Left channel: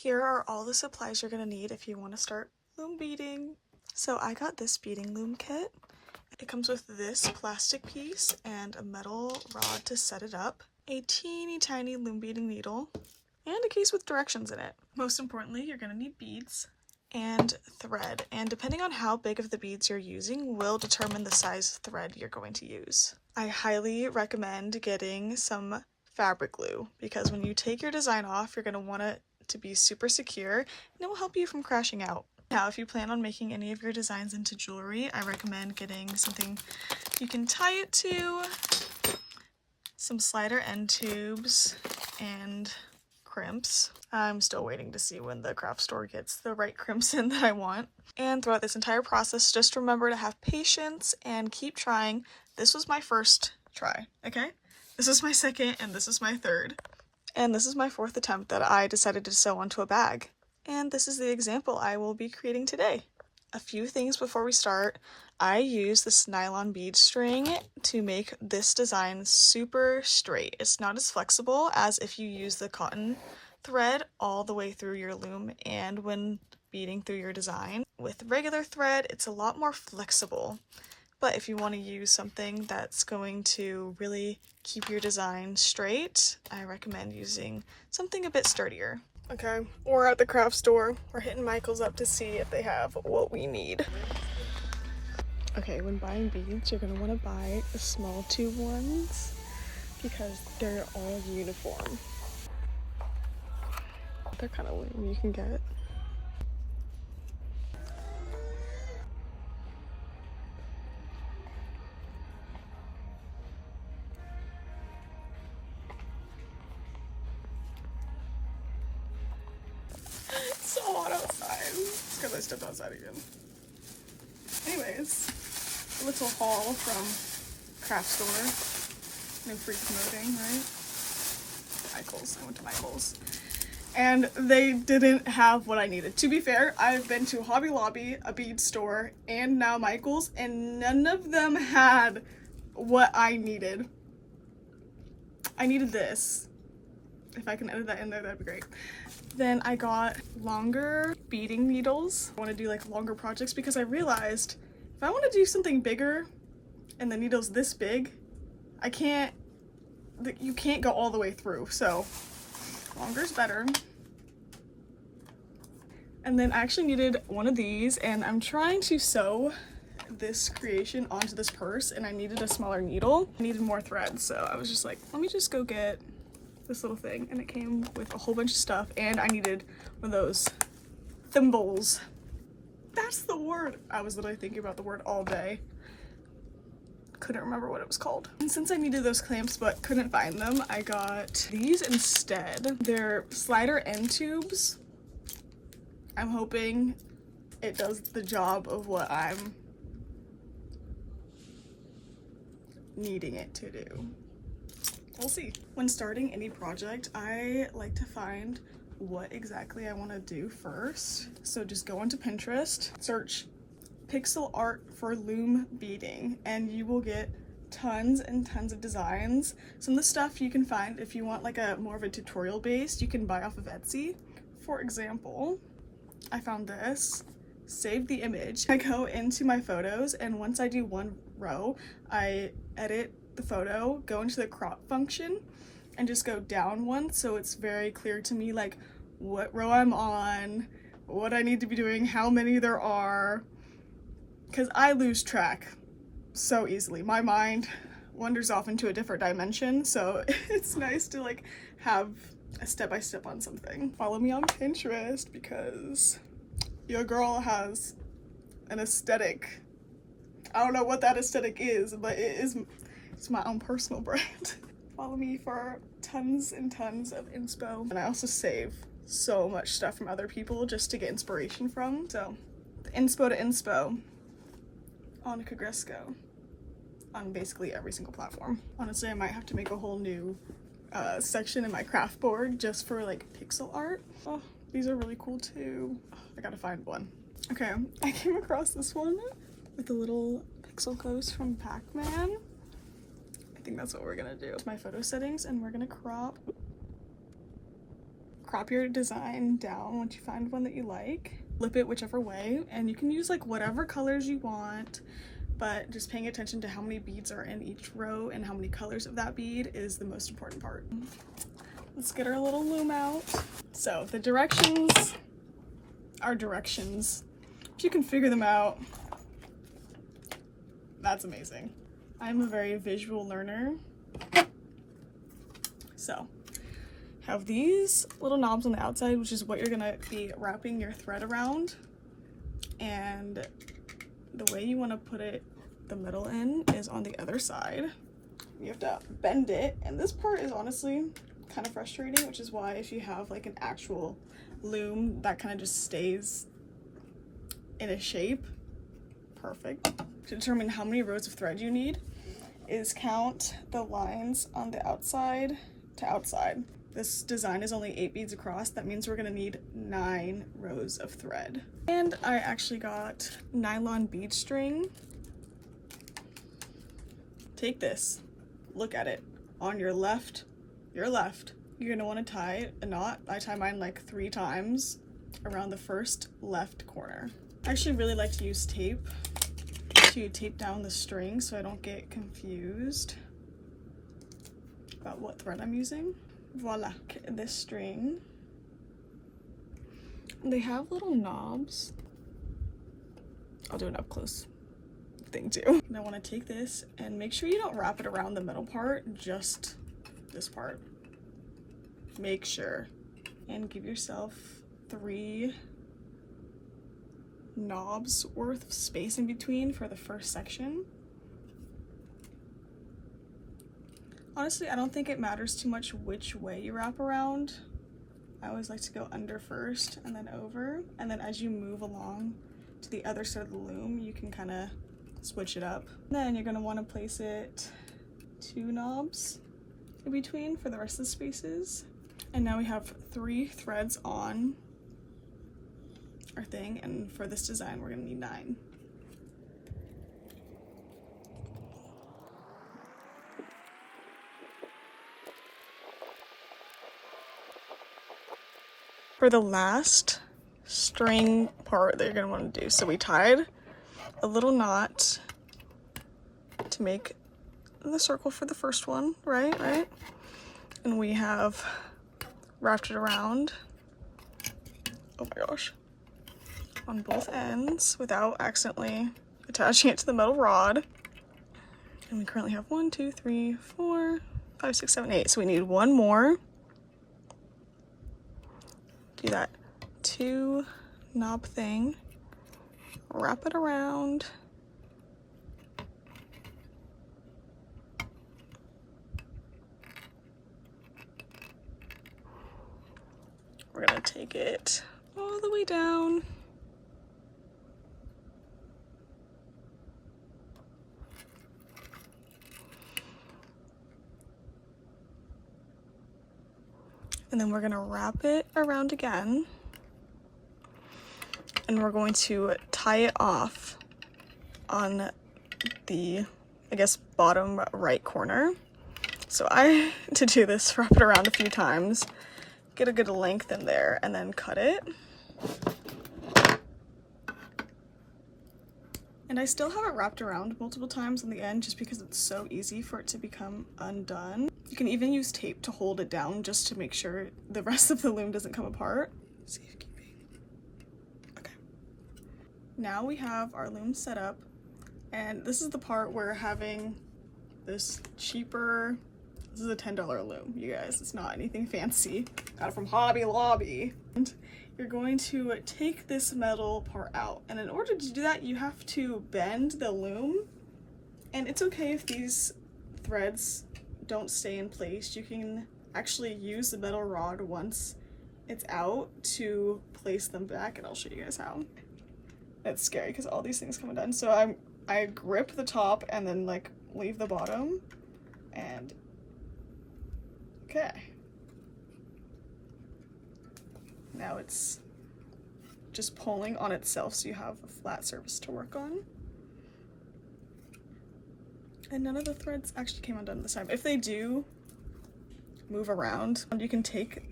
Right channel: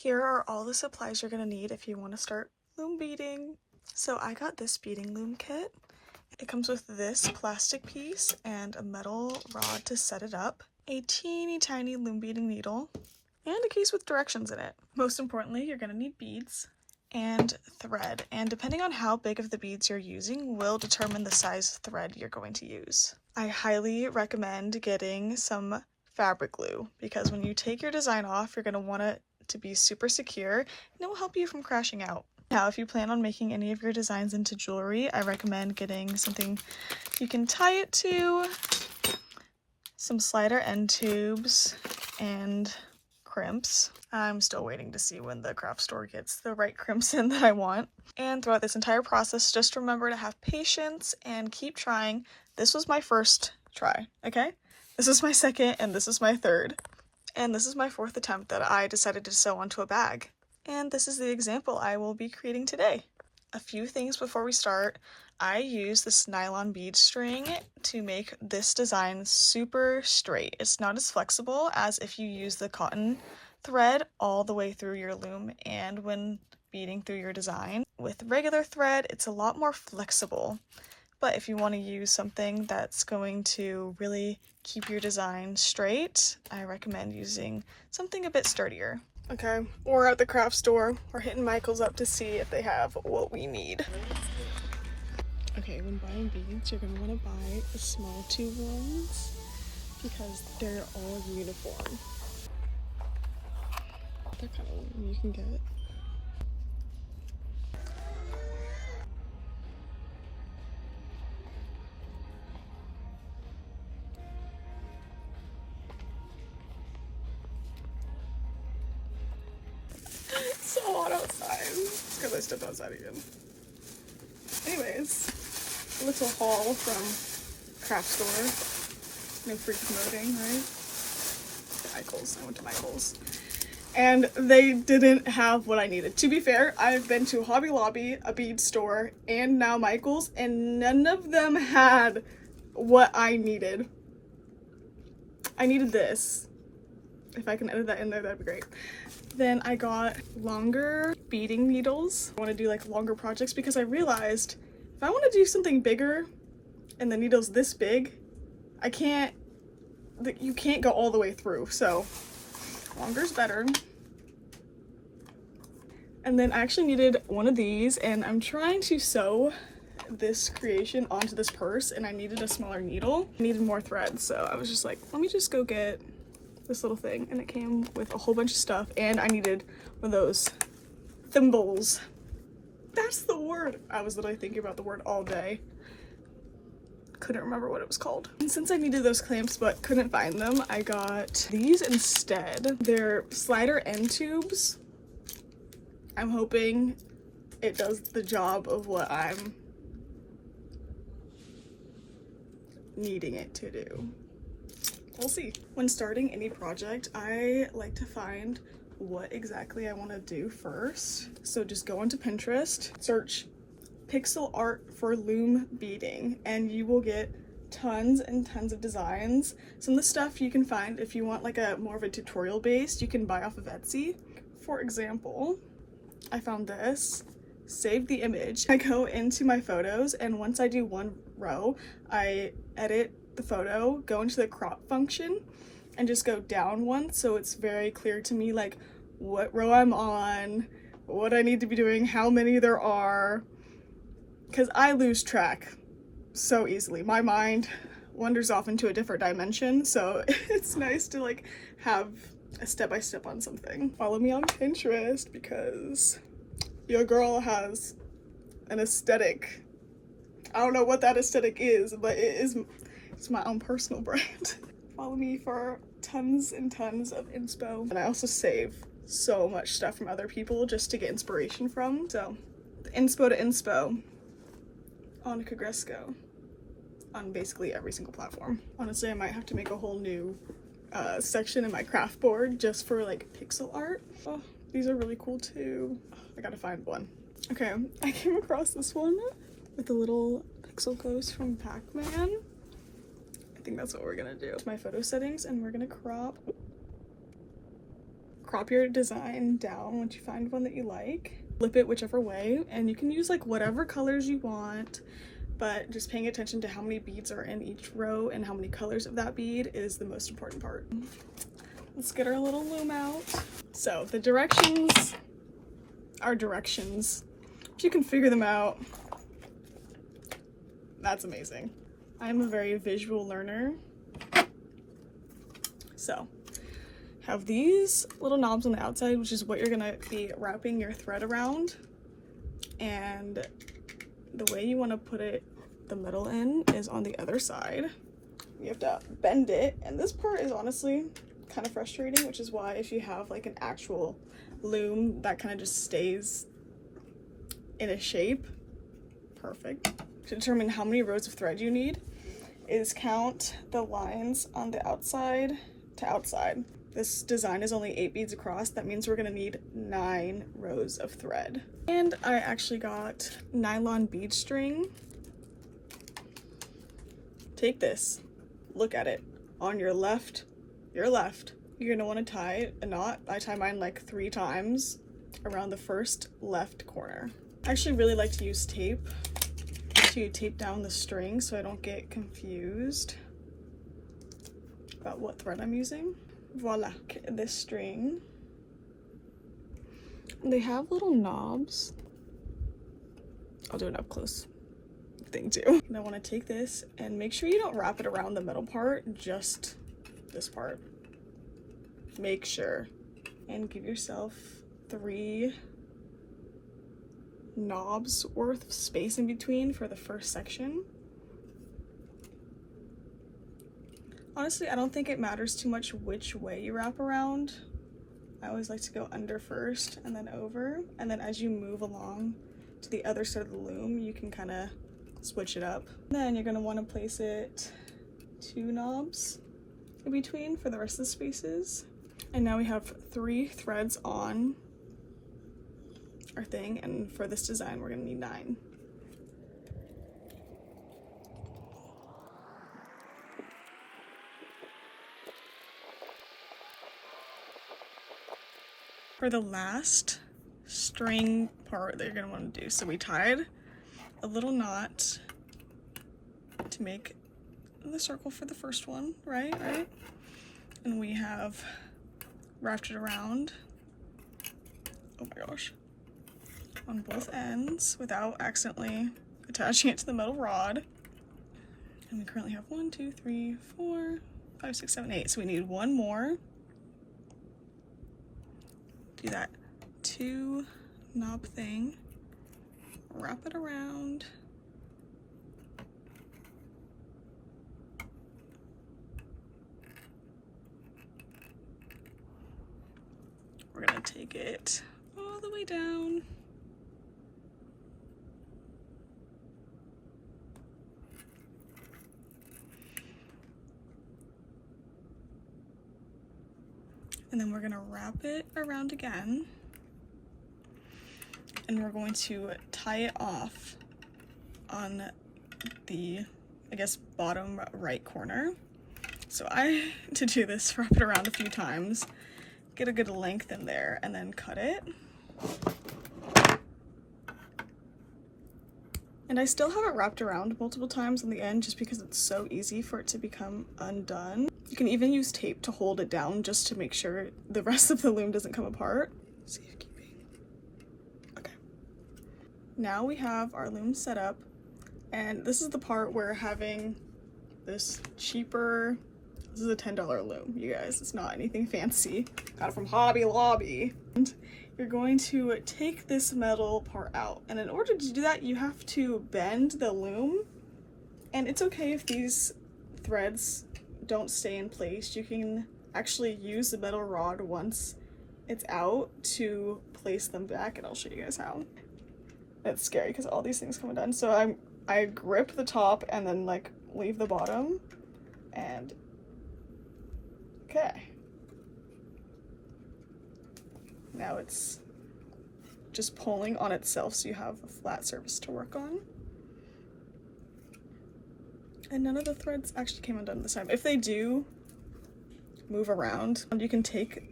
Here are all the supplies you're going to need if you want to start loom beading. So I got this beading loom kit. It comes with this plastic piece and a metal rod to set it up, a teeny tiny loom beading needle, and a case with directions in it. Most importantly, you're going to need beads and thread, and depending on how big of the beads you're using will determine the size of thread you're going to use. I highly recommend getting some fabric glue because when you take your design off, you're going to want it to be super secure and it will help you from crashing out. Now, if you plan on making any of your designs into jewelry, I recommend getting something you can tie it to, some slider end tubes, and crimps. I'm still waiting to see when the craft store gets the right crimps in that I want. And throughout this entire process, just remember to have patience and keep trying. This was my first try, okay? This is my second and this is my third. And this is my fourth attempt that I decided to sew onto a bag. And this is the example I will be creating today. A few things before we start. I use this nylon bead string to make this design super straight. It's not as flexible as if you use the cotton thread all the way through your loom and when beading through your design. With regular thread, it's a lot more flexible. But if you want to use something that's going to really keep your design straight, I recommend using something a bit sturdier. Okay, we're at the craft store. We're hitting Michael's up to see if they have what we need. Okay, when buying beads, you're going to want to buy the small tube ones because they're all uniform. They're kind of lame, you can get. It's so hot outside because I stepped outside again. Anyways, a little haul from craft store. No free promoting, right? Michael's. I went to Michael's. And they didn't have what I needed. To be fair, I've been to Hobby Lobby, a bead store, and now Michael's, and none of them had what I needed. I needed this. If I can edit that in there, that'd be great. Then I got longer beading needles. I want to do like longer projects because I realized if I want to do something bigger and the needle's this big, you can't go all the way through, so longer's better. And then I actually needed one of these, and I'm trying to sew this creation onto this purse, and I needed a smaller needle. I needed more thread, so I was just like, let me just go get this little thing, and it came with a whole bunch of stuff, and I needed one of those thimbles. That's the word. I was literally thinking about the word all day. Couldn't remember what it was called. And since I needed those clamps but couldn't find them, I got these instead. They're slider end tubes. I'm hoping it does the job of what I'm needing it to do. We'll see. When starting any project, I like to find what exactly I want to do first. So just go onto Pinterest, search pixel art for loom beading, and you will get tons and tons of designs. Some of the stuff you can find if you want like a more of a tutorial based, you can buy off of Etsy. For example, I found this, save the image. I go into my photos, and once I do one row, I edit the photo, go into the crop function, and just go down one so it's very clear to me like what row I'm on, what I need to be doing, how many there are, because I lose track so easily. My mind wanders off into a different dimension, so it's nice to like have a step-by-step on something. Follow me on Pinterest because your girl has an aesthetic. I don't know what that aesthetic is, but it's my own personal brand. Follow me for tons and tons of inspo. And I also save so much stuff from other people just to get inspiration from. So the inspo to inspo on Kagresko on basically every single platform. Honestly, I might have to make a whole new section in my craft board just for like pixel art. Oh, these are really cool too. I gotta find one. Okay, I came across this one with the little pixel ghost from Pac-Man. I think that's what we're gonna do. My photo settings, and we're gonna crop crop your design down once you find one that you like. Flip it whichever way, and you can use like whatever colors you want, but just paying attention to how many beads are in each row and how many colors of that bead is the most important part. Let's get our little loom out. So the directions are directions. If you can figure them out, that's amazing. I'm a very visual learner. So have these little knobs on the outside, which is what you're gonna be wrapping your thread around. And the way you want to put it, the middle in, is on the other side. You have to bend it, and this part is honestly kind of frustrating, which is why if you have like an actual loom that kind of just stays in a shape, perfect. To determine how many rows of thread you need is count the lines on the outside to outside. This design is only 8 beads across. That means we're gonna need 9 rows of thread. And I actually got nylon bead string. Take this, look at it. On your left, you're gonna wanna tie a knot. I tie mine like 3 times around the first left corner. I actually really like to use tape to tape down the string so I don't get confused about what thread I'm using. Voila, this string. They have little knobs. I'll do an up close thing too. And I want to take this and make sure you don't wrap it around the middle part, just this part. Make sure, and give yourself 3 knobs worth of space in between for the first section. Honestly, I don't think it matters too much which way you wrap around. I always like to go under first and then over, and then as you move along to the other side of the loom, you can kind of switch it up. Then you're going to want to place it 2 knobs in between for the rest of the spaces. And now we have 3 threads on our thing, and for this design we're going to need 9. For the last string part that you're going to want to do, so we tied a little knot to make the circle for the first one, right? And we have wrapped it around, oh my gosh, on both ends without accidentally attaching it to the metal rod. And we currently have 1, 2, 3, 4, 5, 6, 7, 8. So we need 1 more. Do that 2 knob thing, wrap it around, we're gonna take it all the way down. And then we're gonna wrap it around again. And we're going to tie it off on the, I guess, bottom right corner. So to do this, wrap it around a few times, get a good length in there, and then cut it. And I still have it wrapped around multiple times on the end just because it's so easy for it to become undone. You can even use tape to hold it down just to make sure the rest of the loom doesn't come apart. Safekeeping. Okay. Now we have our loom set up, and this is the part where having this cheaper, this is a $10 loom, you guys. It's not anything fancy. Got it from Hobby Lobby. And you're going to take this metal part out, and in order to do that you have to bend the loom, and it's okay if these threads don't stay in place. You can actually use the metal rod once it's out to place them back, and I'll show you guys how. It's scary because all these things come undone. So I grip the top and then like leave the bottom, and okay. Now it's just pulling on itself so you have a flat surface to work on. And none of the threads actually came undone this time. If they do move around, you can take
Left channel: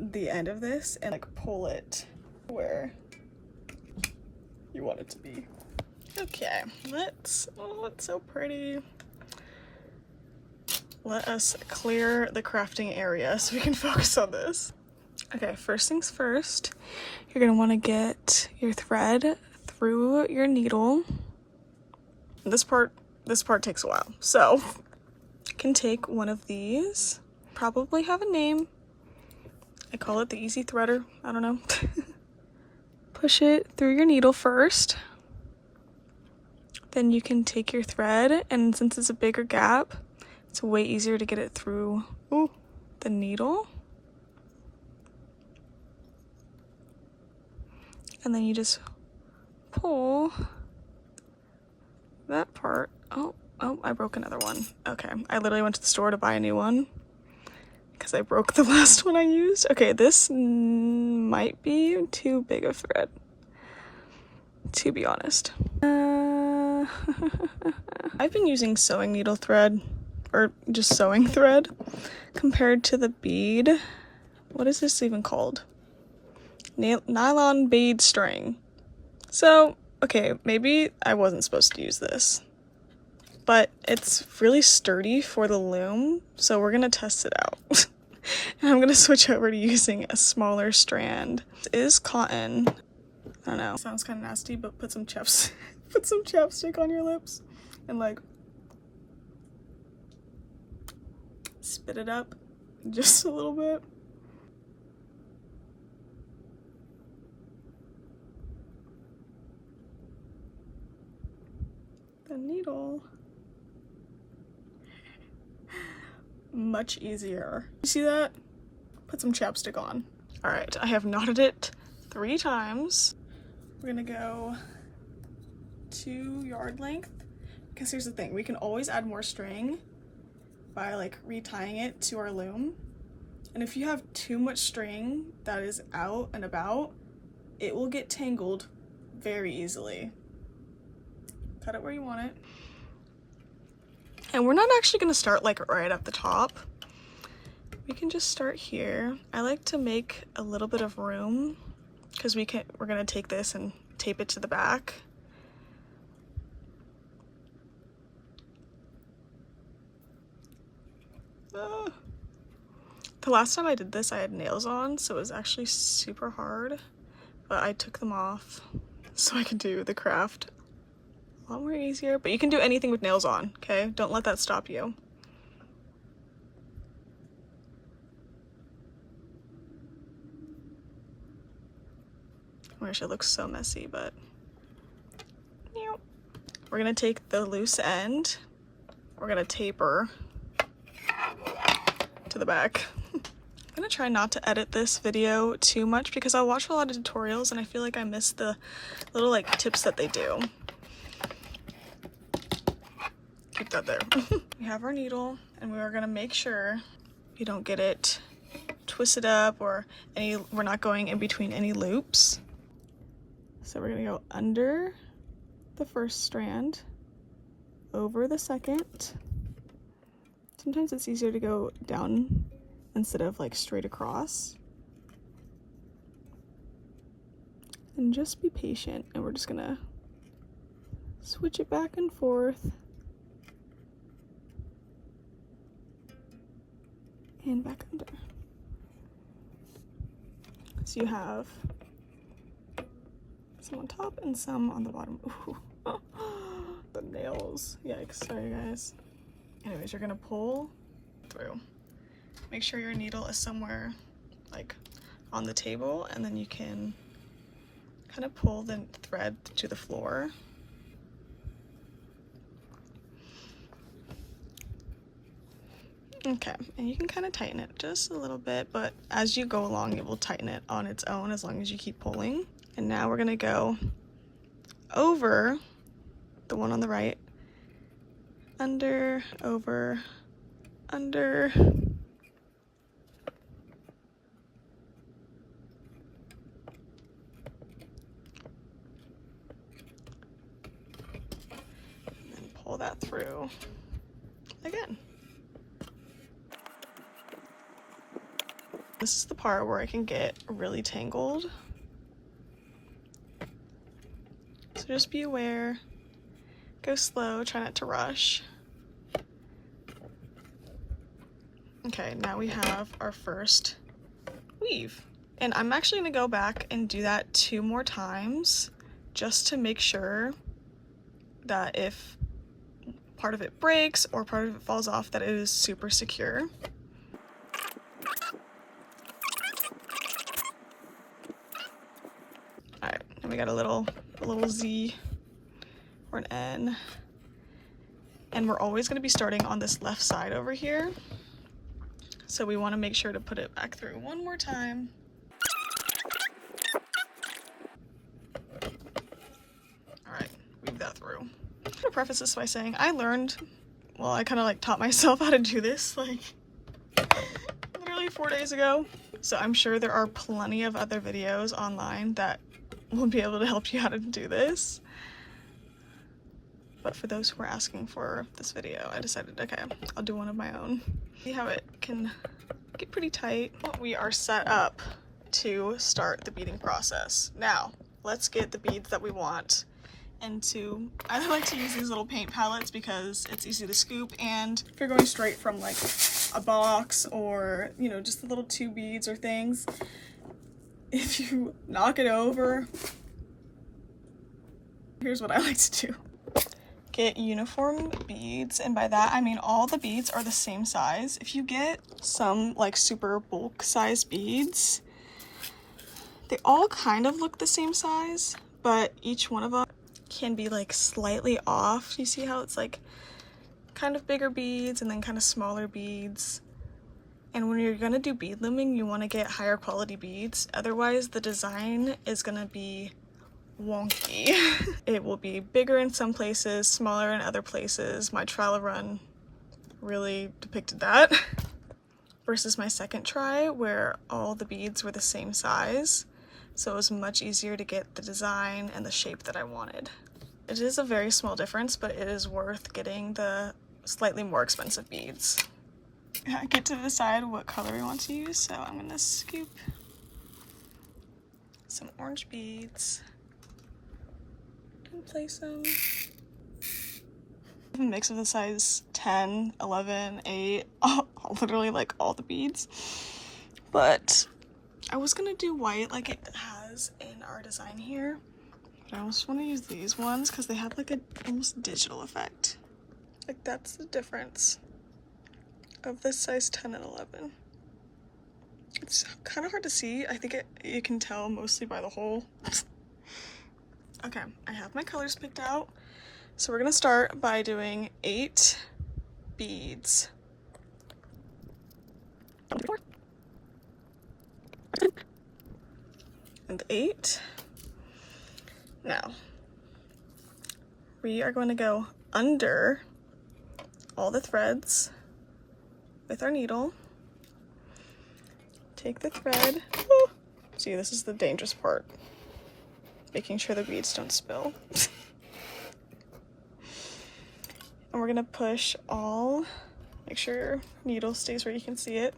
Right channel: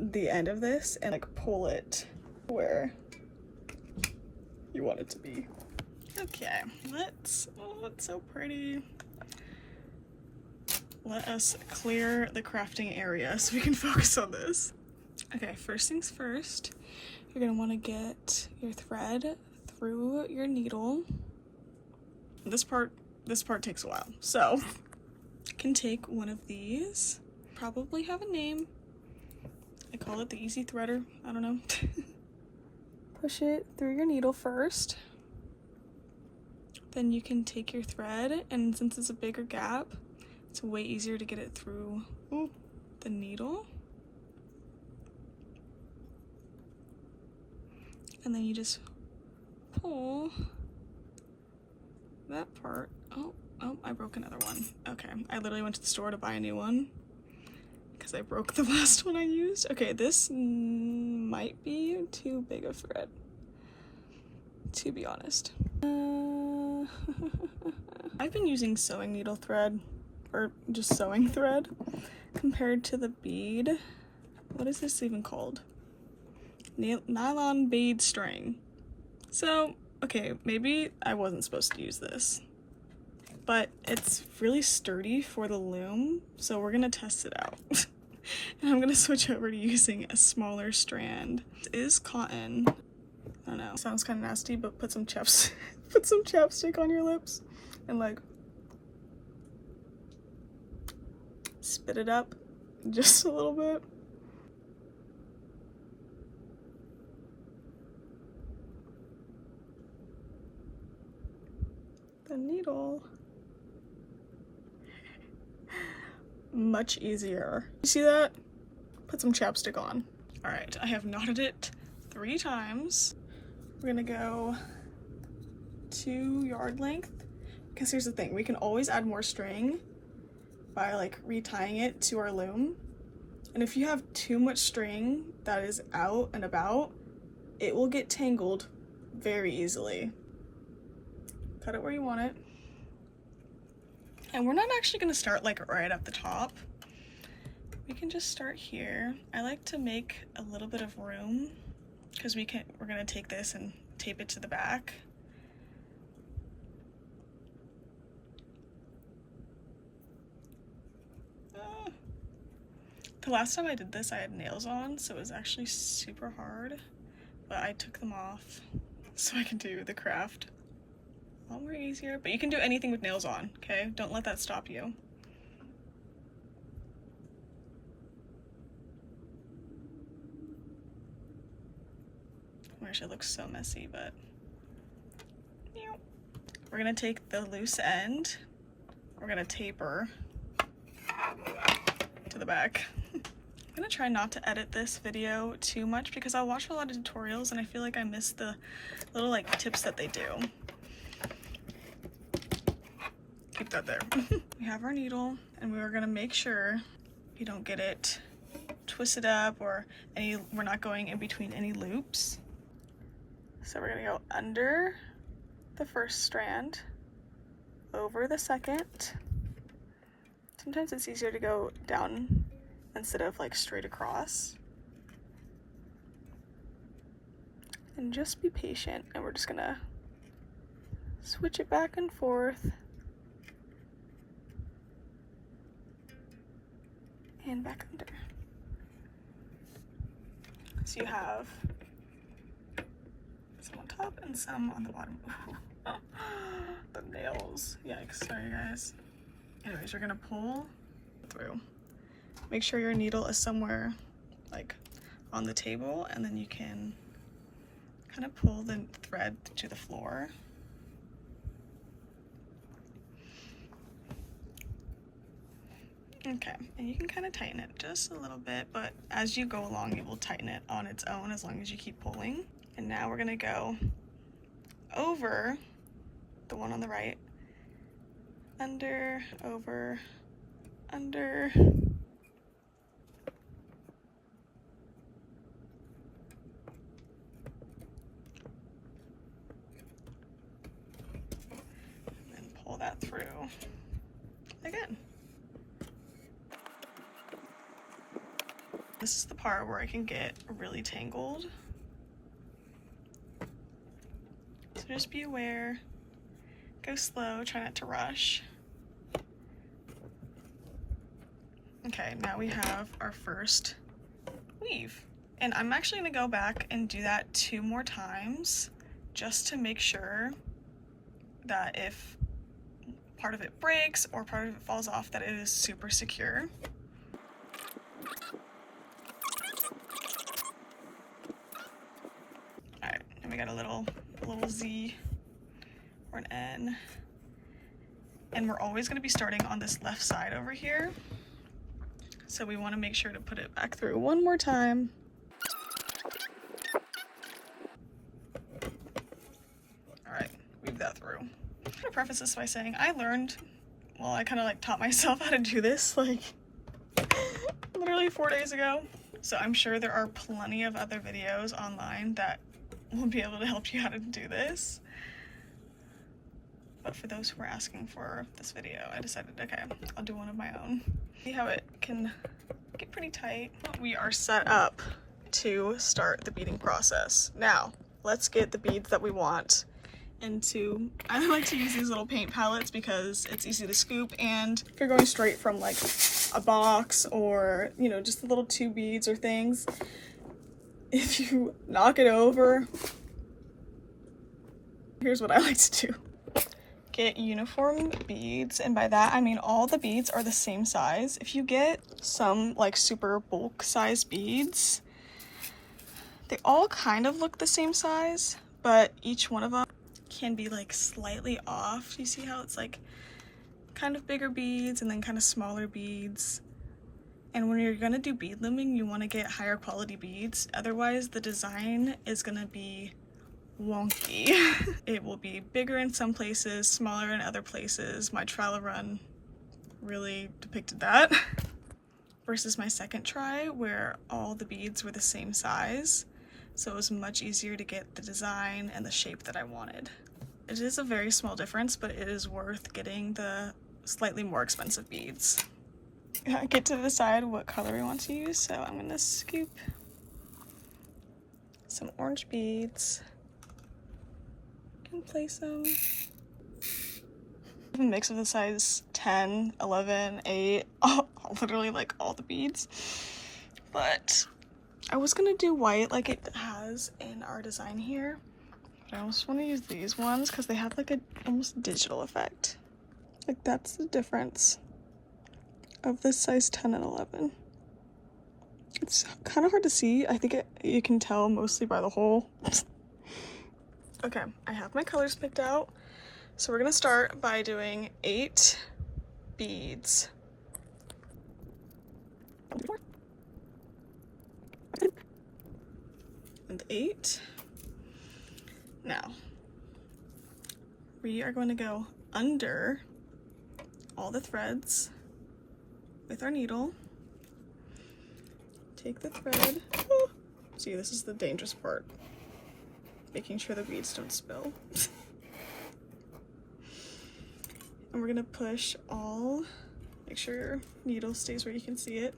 the end of this and like pull it where you want it to be. Okay, oh, it's so pretty. Let us clear the crafting area so we can focus on this. Okay, first things first, you're gonna wanna get your thread through your needle. This part takes a while, so you can take one of these, probably have a name. I call it the easy threader, I don't know. Push it through your needle first. Then you can take your thread, and since it's a bigger gap, it's way easier to get it through the needle. And then you just pull that part. Oh, I broke another one. Okay, I literally went to the store to buy a new one because I broke the last one I used. Okay, this might be too big of thread, to be honest. I've been using sewing needle thread, or just sewing thread, compared to the bead. What is this even called? Nylon bead string. So, okay, maybe I wasn't supposed to use this, but it's really sturdy for the loom, so we're gonna test it out. And I'm gonna switch over to using a smaller strand. It is cotton. I don't know, sounds kind of nasty, but put some chapstick on your lips and like spit it up just a little bit. The needle. Much easier. You see that? Put some chapstick on. All right, I have knotted it 3 times. We're gonna go 2 yard length, because here's the thing, we can always add more string by like retying it to our loom. And if you have too much string that is out and about, it will get tangled very easily. Cut it where you want it. And we're not actually gonna start like right at the top. We can just start here. I like to make a little bit of room because we're gonna take this and tape it to the back. The last time I did this, I had nails on, so it was actually super hard, but I took them off so I could do the craft a lot more easier. But you can do anything with nails on, okay? Don't let that stop you. I wish it looks so messy, but we're gonna take the loose end, we're gonna taper to the back. I'm gonna try not to edit this video too much because I watch a lot of tutorials and I feel like I miss the little like tips that they do. Keep that there. We have our needle and we're gonna make sure you don't get it twisted up or we're not going in between any loops. So we're gonna go under the first strand, over the second. Sometimes it's easier to go down instead of like straight across. And just be patient, and we're just gonna switch it back and forth. And back under. So you have some on top and some on the bottom. Ooh. The nails. Yikes, sorry guys. Anyways, you're gonna pull through. Make sure your needle is somewhere like on the table, and then you can kind of pull the thread to the floor. Okay, and you can kind of tighten it just a little bit, but as you go along, it will tighten it on its own as long as you keep pulling. And now we're gonna go over the one on the right, under, over, under, and then pull that through again. This is the part where I can get really tangled. So just be aware, go slow, try not to rush. Okay, now we have our first weave. And I'm actually gonna go back and do that 2 more times just to make sure that if part of it breaks or part of it falls off, that it is super secure. Alright, and we got a little Z or an N. And we're always gonna be starting on this left side over here. So we wanna make sure to put it back through 1 more time. Alright, weave that through. I'm gonna preface this by saying I kind of like taught myself how to do this like literally 4 days ago. So I'm sure there are plenty of other videos online that will be able to help you how to do this. But for those who are asking for this video, I decided, okay, I'll do one of my own. See how it can get pretty tight. We are set up to start the beading process. Now, let's get the beads that we want into, I like to use these little paint palettes because it's easy to scoop, and if you're going straight from like a box or, you know, just the little 2 beads or things, if you knock it over, here's what I like to do. Get uniform beads, and by that I mean all the beads are the same size. If you get some like super bulk size beads, they all kind of look the same size, but each one of them can be like slightly off. You see how it's like kind of bigger beads and then kind of smaller beads. And when you're gonna do bead looming, you want to get higher quality beads, otherwise the design is gonna be wonky. It will be bigger in some places, smaller in other places. My trial run really depicted that versus my second try where all the beads were the same size, so it was much easier to get the design and the shape that I wanted. It is a very small difference, but it is worth getting the slightly more expensive beads. I get to decide what color we want to use, so I'm gonna scoop some orange beads and place them. A mix of the size 10, 11, 8, literally like all the beads. But I was gonna do white like it has in our design here. But I also want to use these ones because they have like a almost digital effect. Like that's the difference of this size 10 and 11. It's kind of hard to see. I think you can tell mostly by the hole. Okay, I have my colors picked out. So we're gonna start by doing 8 beads. And 8. Now, we are going to go under all the threads with our needle. Take the thread. Oh, see, this is the dangerous part. Making sure the beads don't spill. And we're gonna push all, make sure your needle stays where you can see it.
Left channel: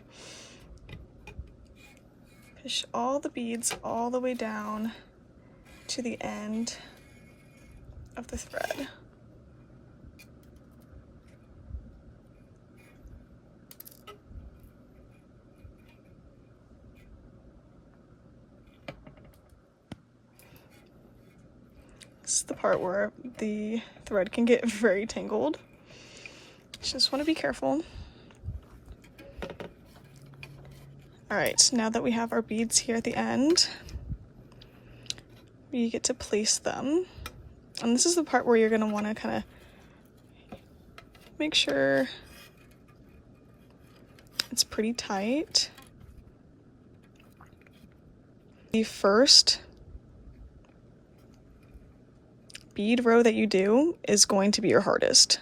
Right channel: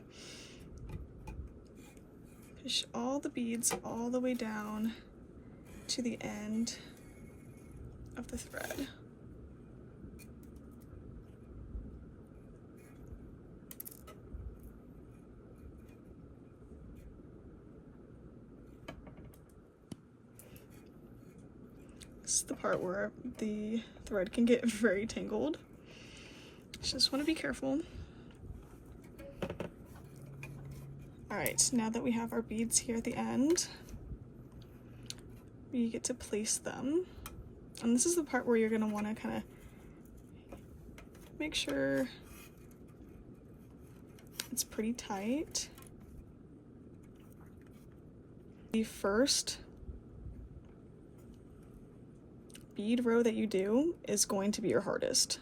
Push all the beads all the way down to the end of the thread. This is the part where the thread can get very tangled. Just want to be careful. All right, now that we have our beads here at the end, we get to place them. And this is the part where you're gonna wanna kinda make sure it's pretty tight. The first bead row that you do is going to be your hardest,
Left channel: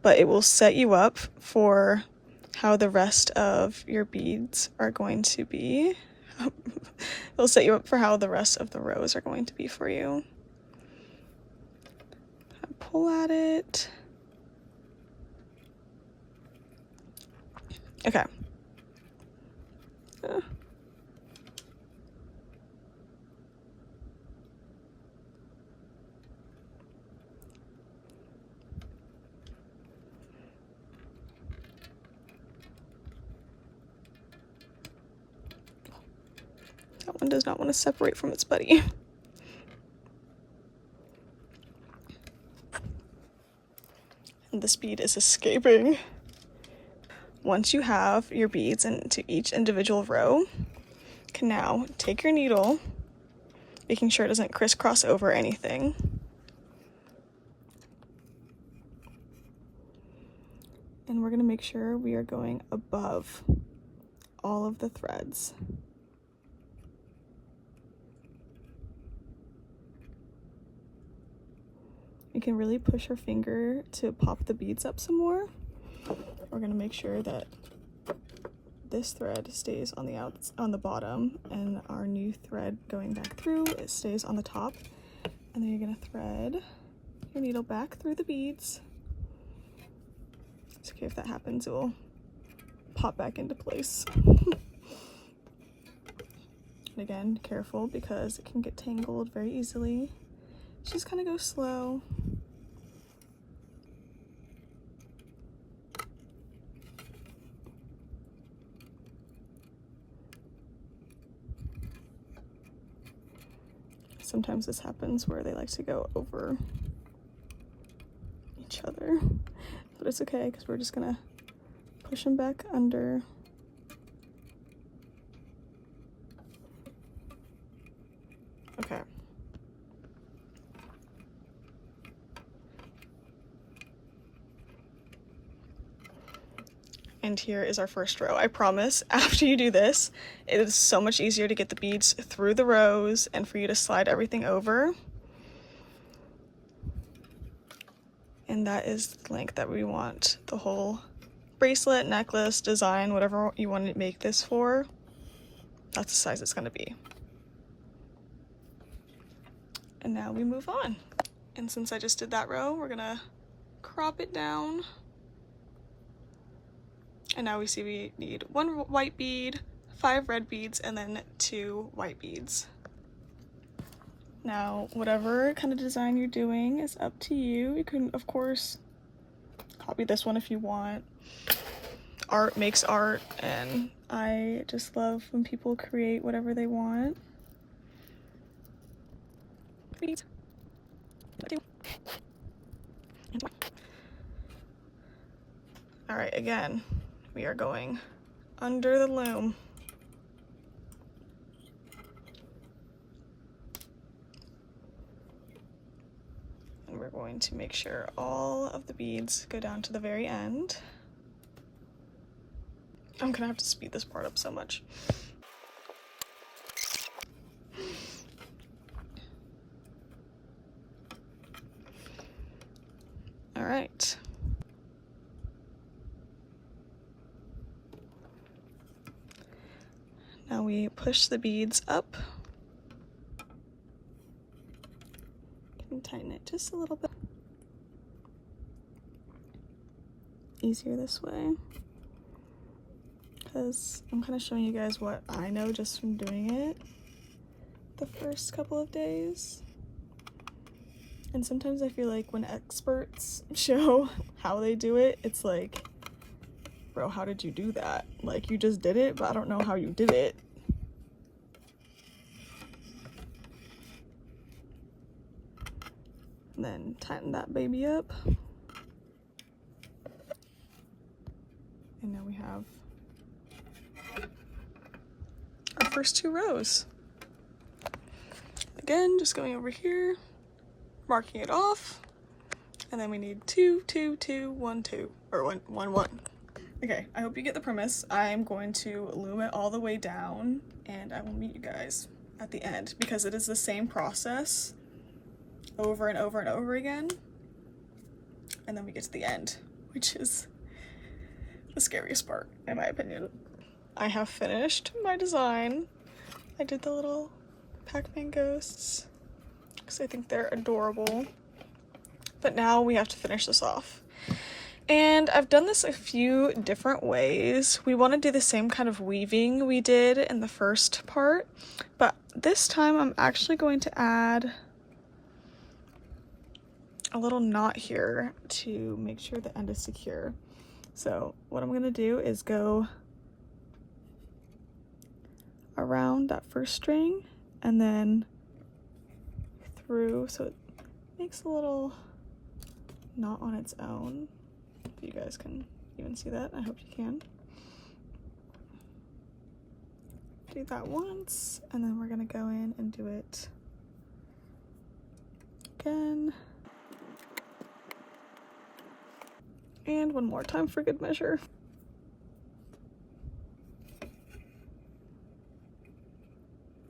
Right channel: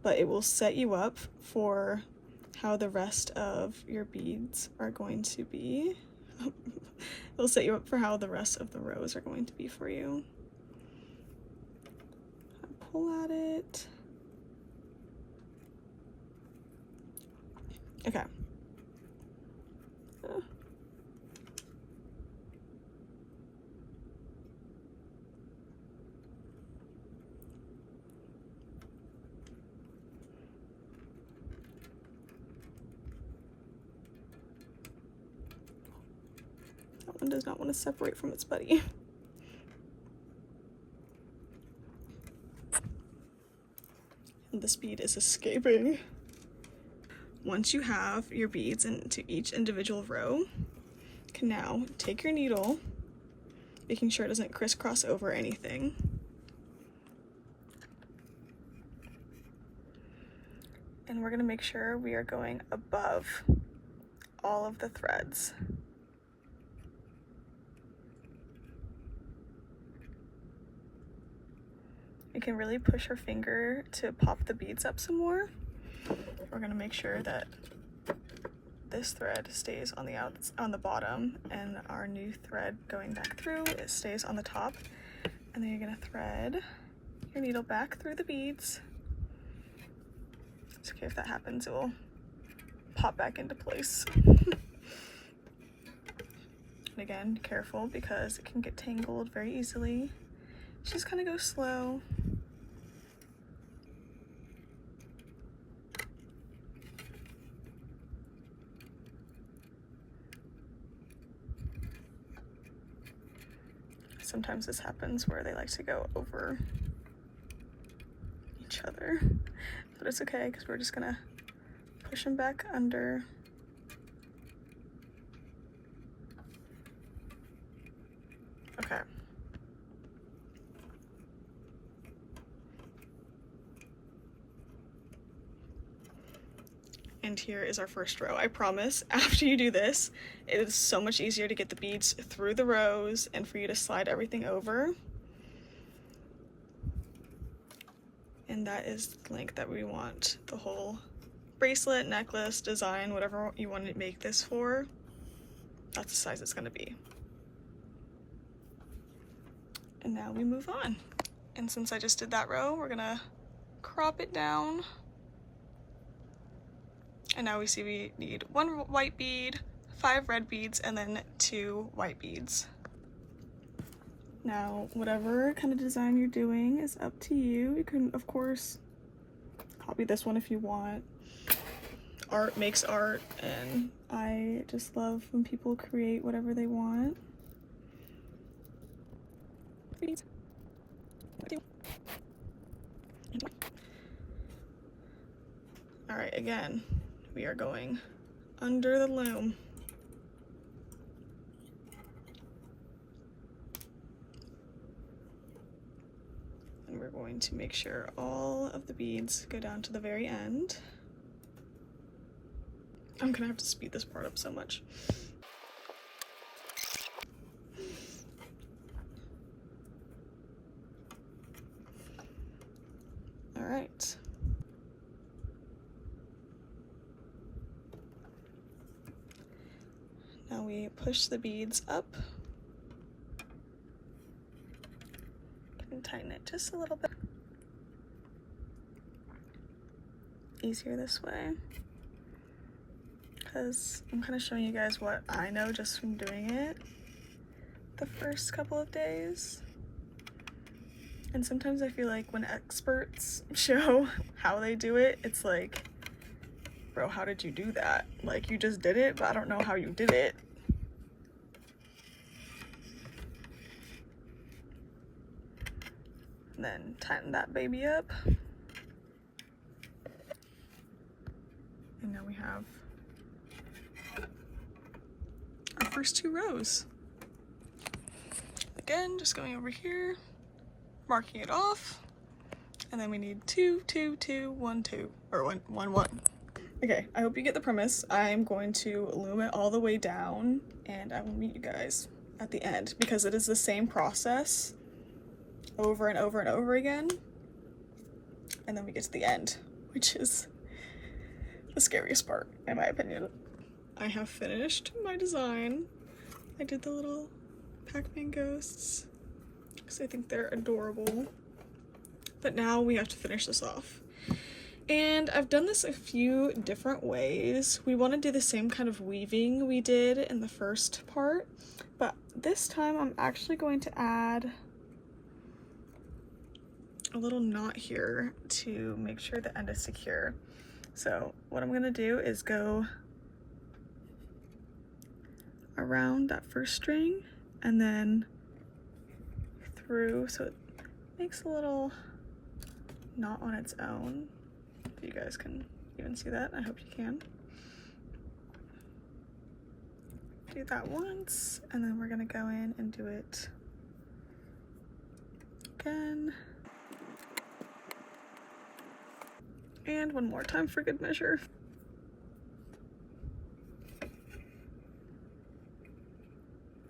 but it will set you up for how the rest of your beads are going to be. It'll set you up for how the rest of the rows are going to be for you. Pull at it. Okay. That one does not want to separate from its buddy. And this bead is escaping. Once you have your beads into each individual row, you can now take your needle, making sure it doesn't crisscross over anything. And we're gonna make sure we are going above all of the threads. You can really push your finger to pop the beads up some more. We're gonna make sure that this thread stays on the bottom, and our new thread going back through, it stays on the top. And then you're gonna thread your needle back through the beads. It's okay if that happens, it will pop back into place. And again, careful because it can get tangled very easily. Just kind of go slow. Sometimes this happens where they like to go over each other, but it's okay because we're just gonna push them back under. Okay. And here is our first row. I promise, after you do this, it is so much easier to get the beads through the rows and for you to slide everything over. And that is the length that we want the whole bracelet, necklace, design, whatever you want to make this for. That's the size it's going to be. And now we move on. And since I just did that row, we're going to crop it down. And now we see we need 1 white bead, 5 red beads, and then 2 white beads. Now, whatever kind of design you're doing is up to you. You can, of course, copy this one if you want. Art makes art, and I just love when people create whatever they want. Beads. All right, again, we are going under the loom. And we're going to make sure all of the beads go down to the very end. I'm gonna have to speed this part up so much. All right. Now we push the beads up and tighten it just a little bit. Easier this way, because I'm kind of showing you guys what I know just from doing it the first couple of days. And sometimes I feel like when experts show how they do it, it's like, bro, how did you do that? Like, you just did it, but I don't know how you did it. And then tighten that baby up. And now we have our first 2 rows. Again, just going over here, marking it off, and then we need 2, 2, 2, 1, 2, or 1, 1, 1. Okay, I hope you get the premise. I'm going to loom it all the way down, and I will meet you guys at the end, because it is the same process over and over and over again, and then we get to the end, which is the scariest part, in my opinion. I have finished my design. I did the little Pac-Man ghosts because I think they're adorable. But now we have to finish this off. And I've done this a few different ways. We want to do the same kind of weaving we did in the first part, but this time I'm actually going to add a little knot here to make sure the end is secure. So what I'm going to do is go around that first string and then through, so it makes a little knot on its own. If you guys can even see that, I hope you can. Do that once, and then we're gonna go in and do it again. And one more time for good measure.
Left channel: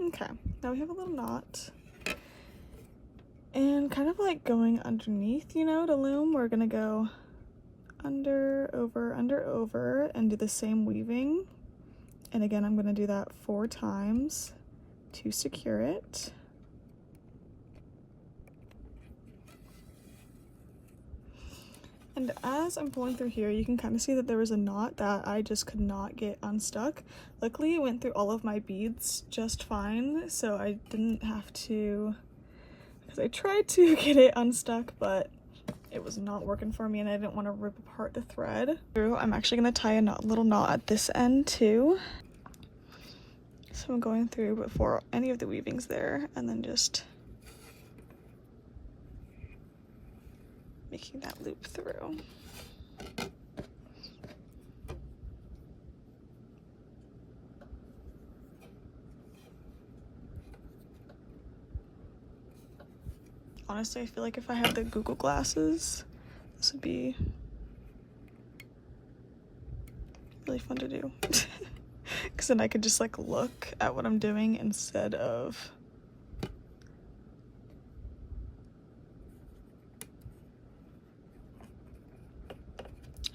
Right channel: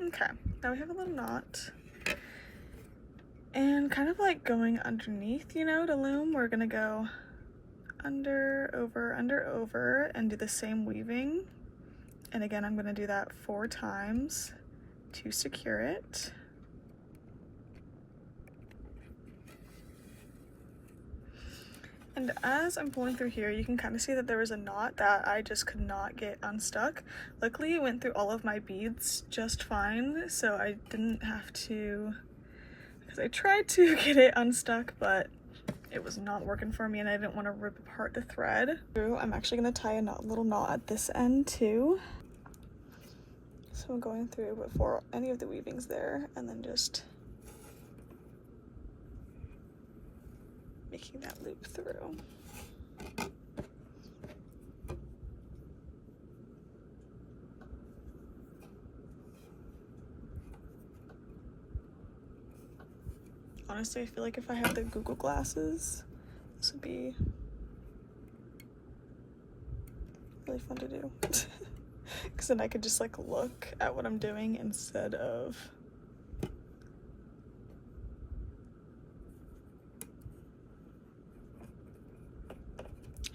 Okay, now we have a little knot. And kind of like going underneath, you know, to loom, we're gonna go under, over, and do the same weaving. And again, I'm gonna do that 4 times to secure it. And as I'm pulling through here, you can kind of see that there was a knot that I just could not get unstuck. Luckily, it went through all of my beads just fine, so I didn't have to, because I tried to get it unstuck, but it was not working for me and I didn't want to rip apart the thread. I'm actually going to tie a little knot at this end too. So I'm going through before any of the weaving's there and then just making that loop through. Honestly, I feel like if I had the Google glasses, this would be really fun to do. Because then I could just like look at what I'm doing instead of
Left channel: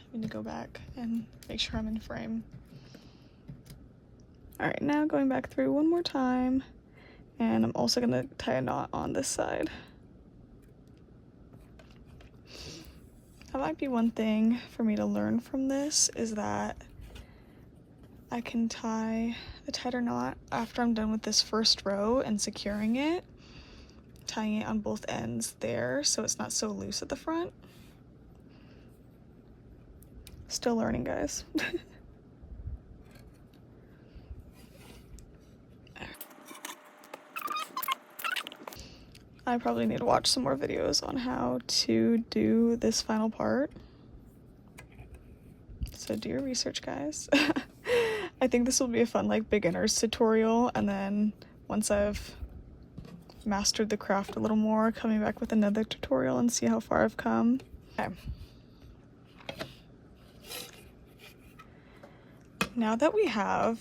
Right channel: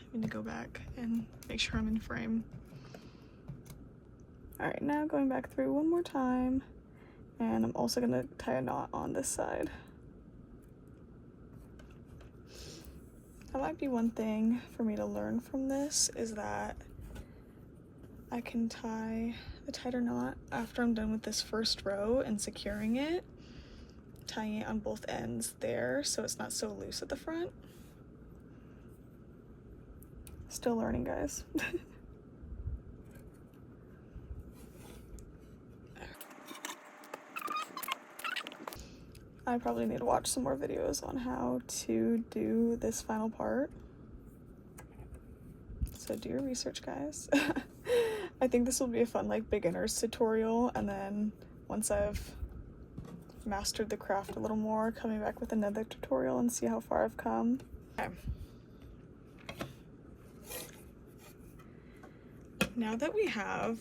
having to go back and make sure I'm in frame. All right, now going back through one more time, and I'm also gonna tie a knot on this side. That might be one thing for me to learn from this, is that I can tie the tighter knot after I'm done with this first row and securing it, tying it on both ends there so it's not so loose at the front. Still learning, guys. I probably need to watch some more videos on how to do this final part. So do your research, guys. I think this will be a fun like beginner's tutorial, and then once I've mastered the craft a little more, coming back with another tutorial and see how far I've come. Okay. Now that we have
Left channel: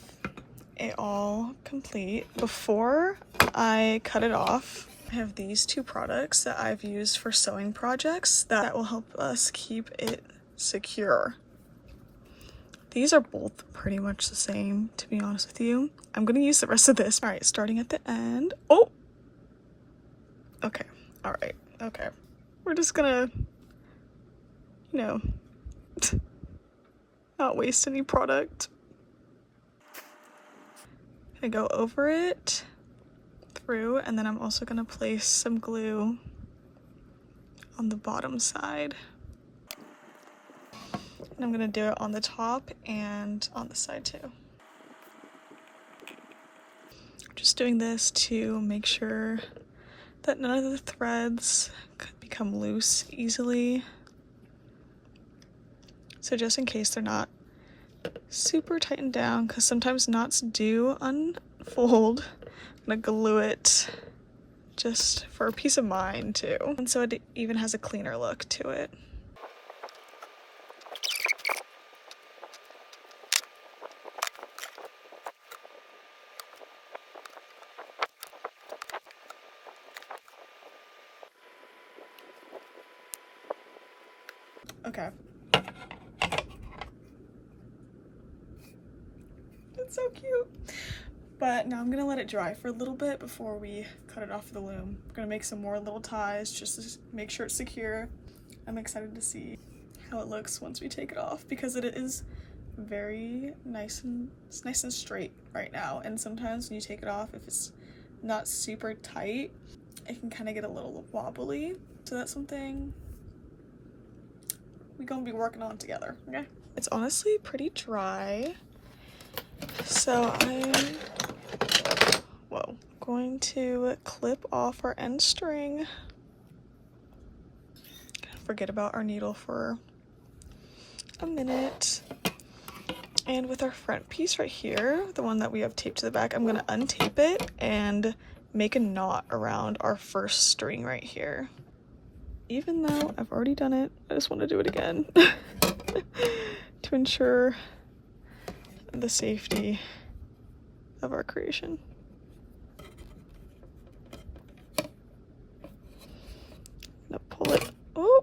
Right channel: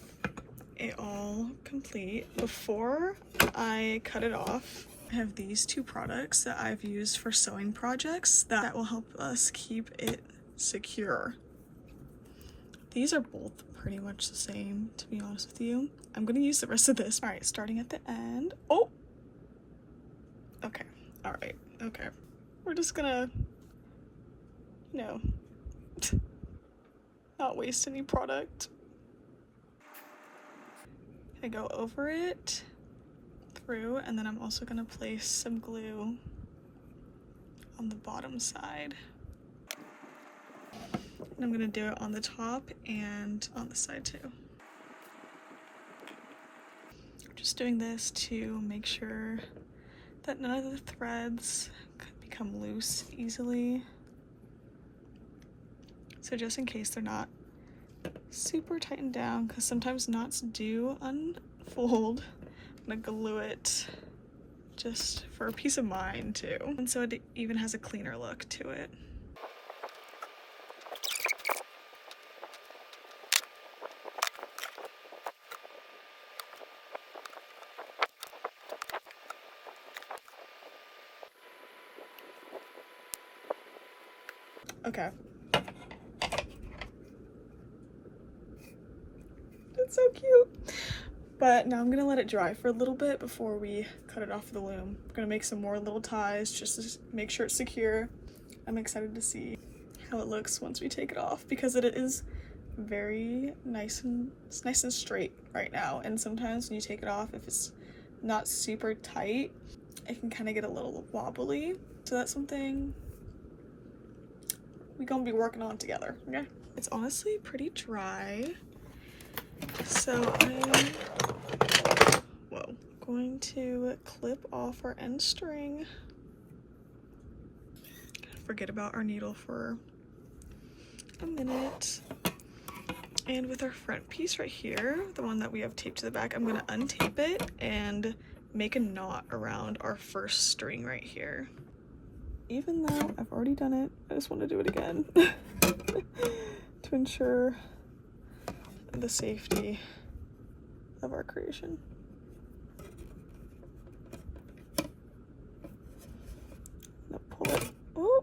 it all complete, before I cut it off, I have these 2 products that I've used for sewing projects that will help us keep it secure. These are both pretty much the same, to be honest with you. I'm gonna use the rest of this. All right, starting at the end. Oh, okay, all right, okay. We're just gonna, you know, not waste any product. I go over it, through, and then I'm also gonna place some glue on the bottom side. And I'm gonna do it on the top and on the side too. Just doing this to make sure that none of the threads become loose easily. So just in case they're not super tightened down, because sometimes knots do unfold, I'm gonna glue it just for peace of mind too. And so it even has a cleaner look to it. Okay. It's so cute. But now I'm gonna let it dry for a little bit before we cut it off the loom. We're gonna make some more little ties just to make sure it's secure. I'm excited to see how it looks once we take it off, because it is very nice and straight right now, and sometimes when you take it off, if it's not super tight, it can kind of get a little wobbly. So that's something we're gonna be working on together. Okay, it's honestly pretty dry, so I'm going to clip off our end string. Forget about our needle for a minute. And with our front piece right here, the one that we have taped to the back, I'm gonna untape it and make a knot around our first string right here. Even though I've already done it, I just want to do it again to ensure the safety of our creation. Now pull it. Oh,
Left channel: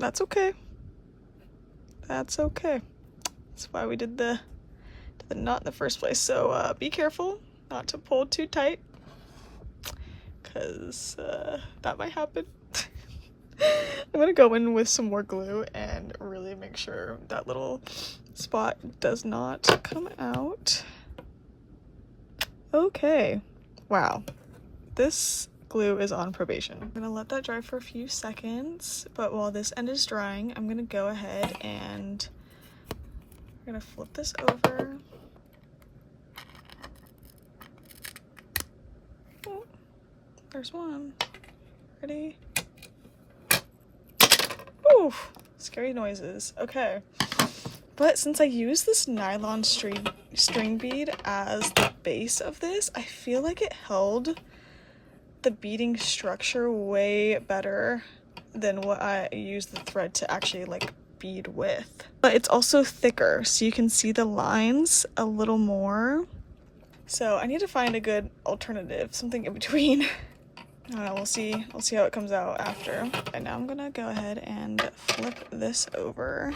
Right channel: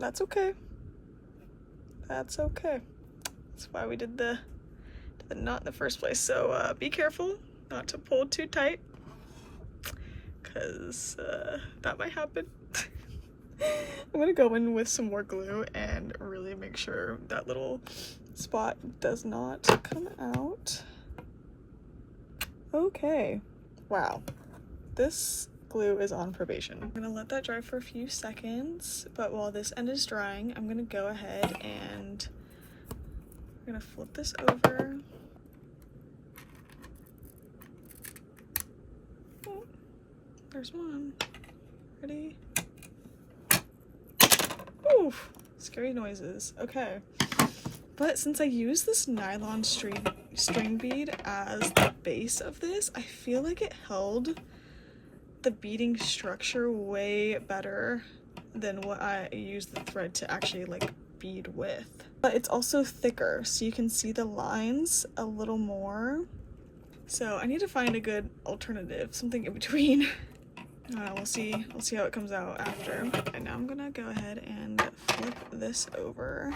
that's okay. That's okay. That's why we did the knot in the first place. So be careful not to pull too tight, because that might happen. I'm gonna go in with some more glue and really make sure that little spot does not come out. Okay, wow, this glue is on probation. I'm gonna let that dry for a few seconds, but while this end is drying, I'm gonna go ahead and I'm gonna flip this over. Oh, there's one. Ready? Oof, scary noises. Okay. But since I use this nylon string bead as the base of this, I feel like it held the beading structure way better than what I used the thread to actually like bead with. But it's also thicker, so you can see the lines a little more. So I need to find a good alternative, something in between. We'll see how it comes out after. Okay, now I'm gonna go ahead and flip this over.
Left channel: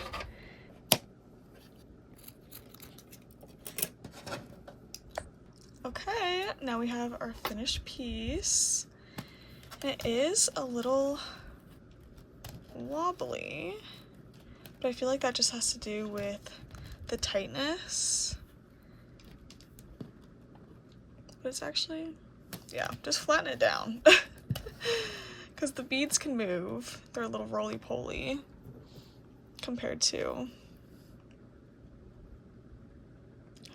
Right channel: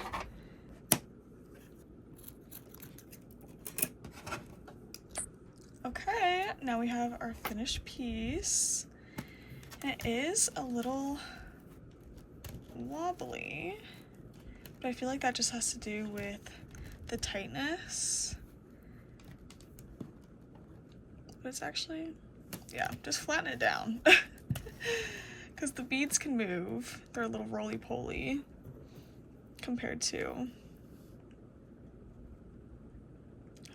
Okay, now we have our finished piece. It is a little wobbly, but I feel like that just has to do with the tightness. But it's actually, yeah, just flatten it down. Because the beads can move. They're a little roly-poly compared to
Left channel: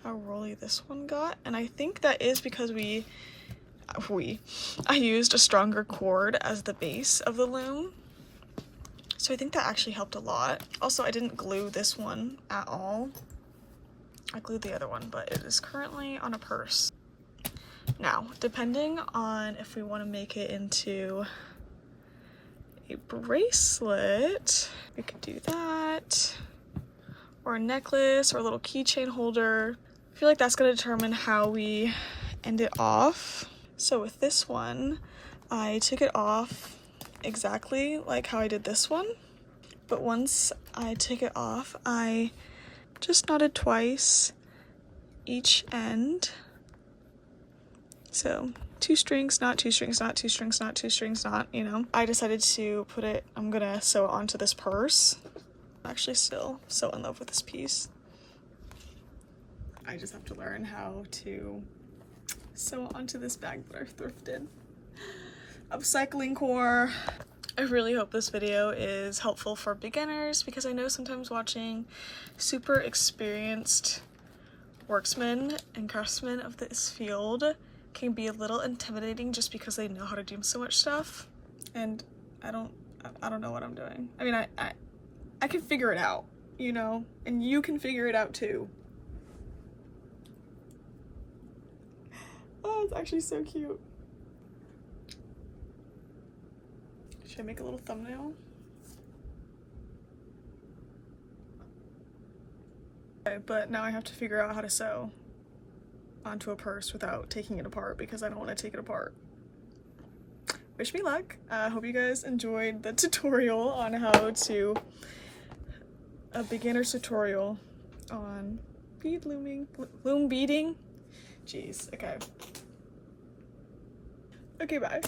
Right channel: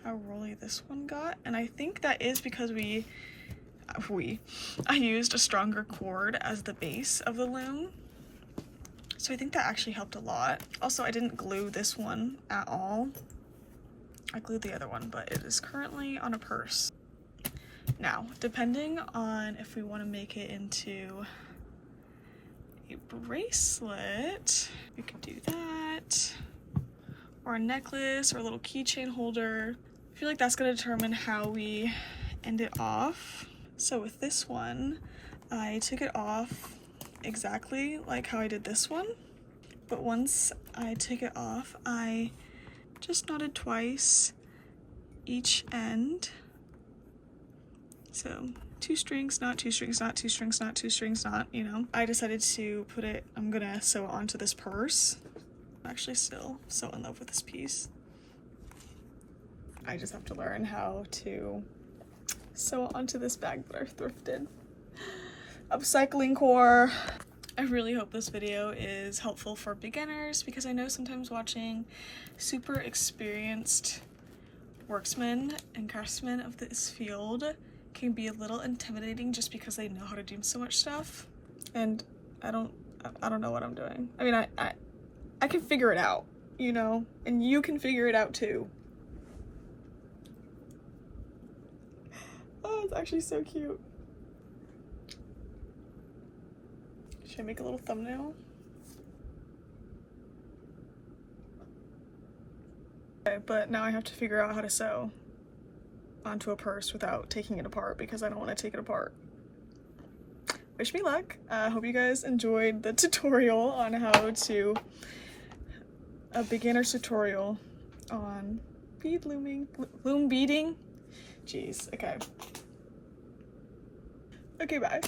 how rolly this one got. And I think that is because I used a stronger cord as the base of the loom. So I think that actually helped a lot. Also, I didn't glue this one at all. I glued the other one, but it is currently on a purse. Now, depending on if we want to make it into a bracelet, we could do that, or a necklace, or a little keychain holder. I feel like that's going to determine how we end it off. So with this one, I took it off exactly like how I did this one, but once I took it off, I just knotted twice each end. So 2 strings, not 2 strings, not 2 strings, not 2 strings, not, you know. I decided to put it, I'm gonna sew it onto this purse. I'm actually still so in love with this piece. I just have to learn how to sew onto this bag that I thrifted. Upcycling core. I really hope this video is helpful for beginners, because I know sometimes watching super experienced worksmen and craftsmen of this field can be a little intimidating just because they know how to do so much stuff, and I don't know what I'm doing. I mean, I can figure it out, you know, and you can figure it out too. Oh, it's actually so cute. Should I make a little thumbnail? Okay, but now I have to figure out how to sew onto a purse without taking it apart, because I don't want to take it apart. Wish me luck. I hope you guys enjoyed the tutorial on how to, a beginner's tutorial on bead looming, loom beading. Jeez, okay. Okay, bye.